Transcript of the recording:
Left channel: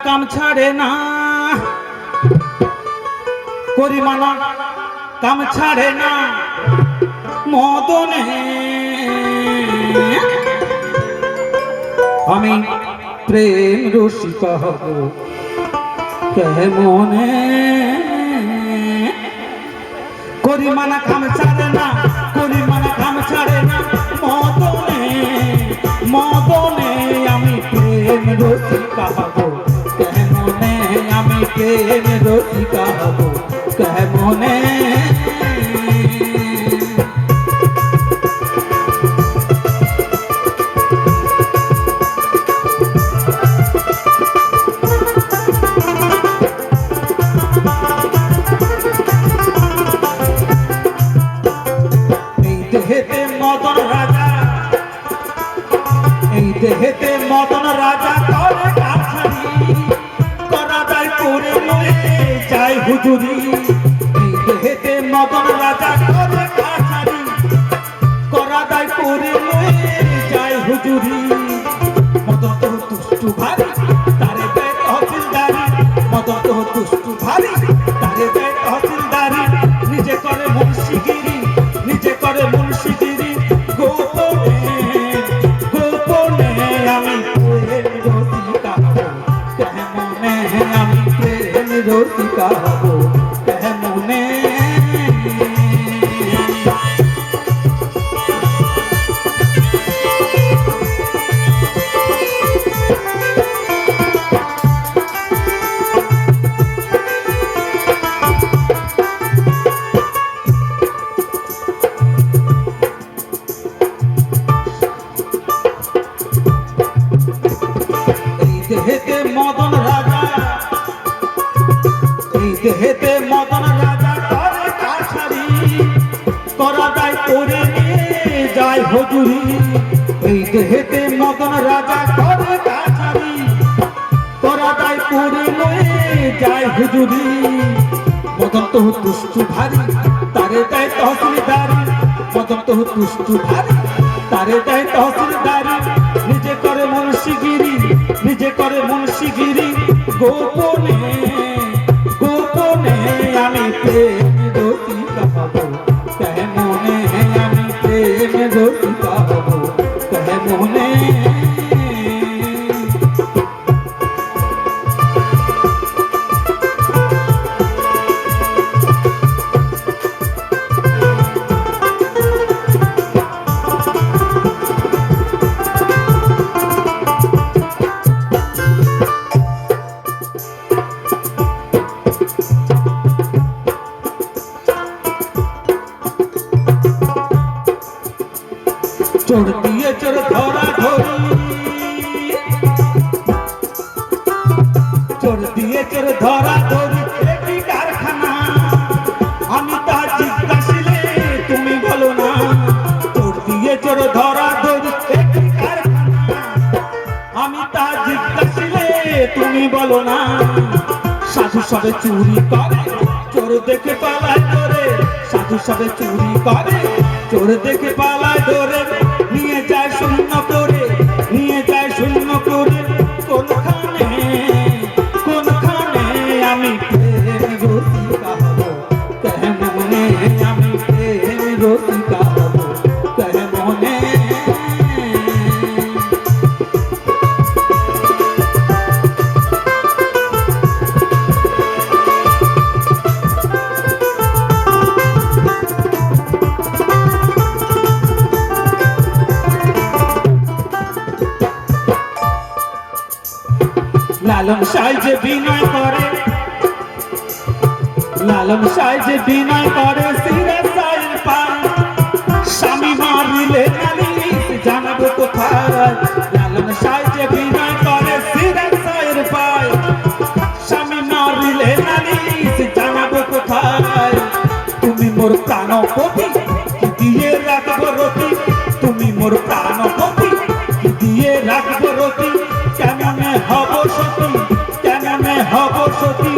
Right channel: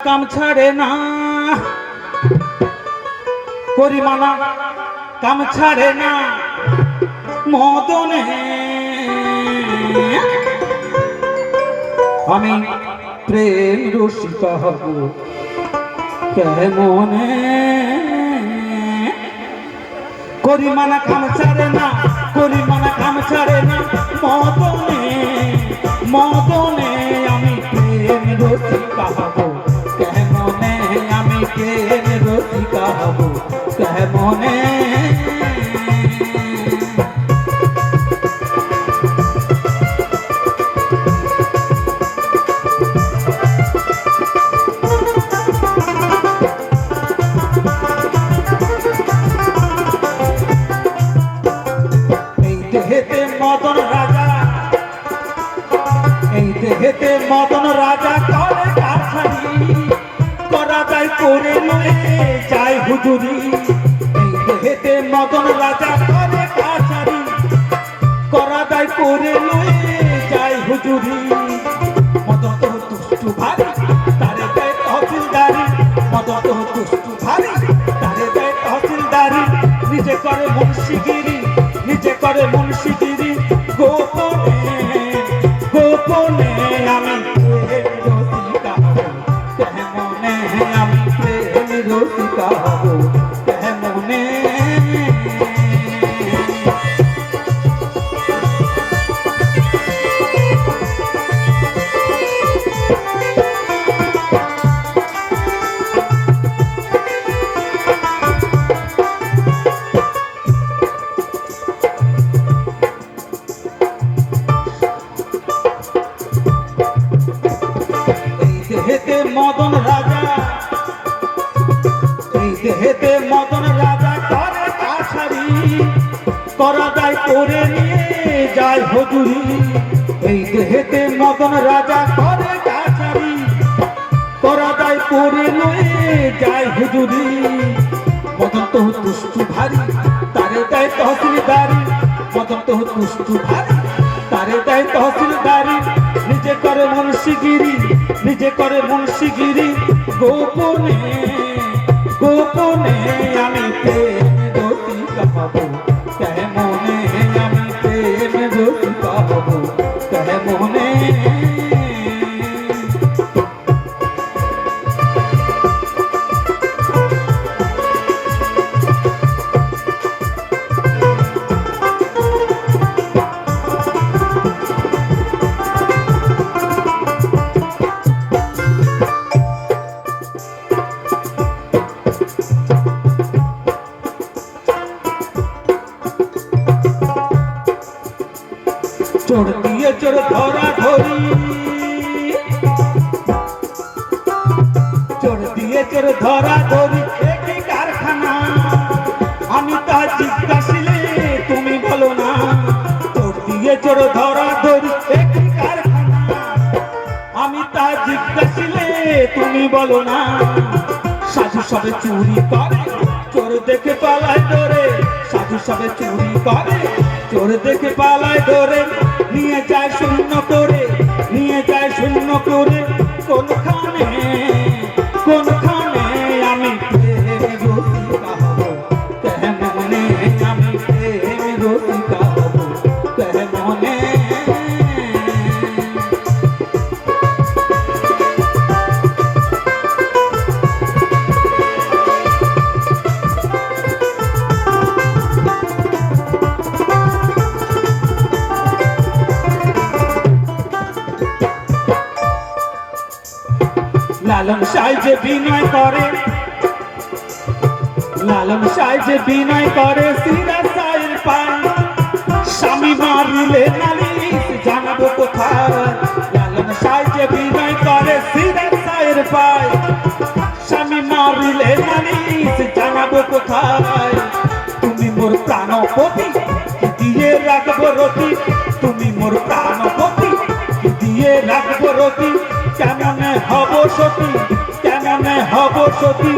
কাম ছাড়ে না করিমানা কাম ছাড়ে না মদনে আমি প্রেম রসিকা হব কেমনে করিমানা কাম ছাড়ে না করিমানা কাম ছাড়ে না মদনে মদনে আমি প্রেম রসিকা হব কেমনে আমি প্রেম রসিকা হব কেমনে এই দেহেতে মদন রাজা এই দেহেতে মদন রাজা করে কাছারি করা যায় করে লয়ে যায় হুজুরি এই দেহেতে মদন রাজা করে কাছারি করা যায় করে লয়ে যায় হুজুরি মদন তো দুষ্টু ভারী তারে দেয় তহসিলদারি মদন তো দুষ্টু ভারী তারে দেয় তহসিলদারি নিজে করে মুন্সিগিরি নিজে করে মুন্সিগিরি গোপনে গোপনে আমি প্রেম রসিকা হব কেমনে আমি প্রেম রসিকা হব কেমনে দেহেতে মদন রাজা এই দেহেতে মদন রাজা করে কাছারি করা যায় করে নিয়ে যায় হুজুরি এই দেহেতে মদন রাজা করে কাছারি করা যায় করে নিয়ে যায় হুজুরি মদন তো দুষ্টু ভারী তারে দেয় তহসিলদারি মদন তো দুষ্টু ভারী তারে দেয় তহসিলদারি নিজে করে মুন্সিগিরি নিজে করে মুন্সিগিরি গোপনে গোপনে আমি প্রেম রসিকা হব কেমনে আমি প্রেম রসিকা হব কেমনে চোর দিয়ে চোর ধরা ধরি চোর দিয়ে চোর ধরা ধরি একই কারখানা আমি তা জিজ্ঞাসিলে তুমি বলো না চোর দিয়ে চোর ধরা ধরি একই কারখানা আমি তা জিজ্ঞাসিলে তুমি বলো না সাধু সবে চুরি করে চোর দেখে পালায় ধরে সাধু সবে চুরি করে চোর দেখে পালায় ধরে নিয়ে যায় শূন্য করে নিয়ে যায় শূন্য করে কোনখানে কোনখানে আমি প্রেম রসিকা হব কেমনে আমি প্রেম রসিকা হব কেমনে লালন সাইজে বিনয় করে লালন সাইজে বিনয় করে সিরা সাইল পায় স্বামী মারিলে নালিশ জানাবো কোথায় লালন সাইজে বিনয় করে সিরা সাইল পায় স্বামী মারিলে নালিশ জানাবো কোথায় তুমি মোর প্রাণপতি দিয়ে রাখবো রতি তুমি মোর প্রাণপতি দিয়ে রাখবো রতি কেমনে হব সতী কেমনে হব সতী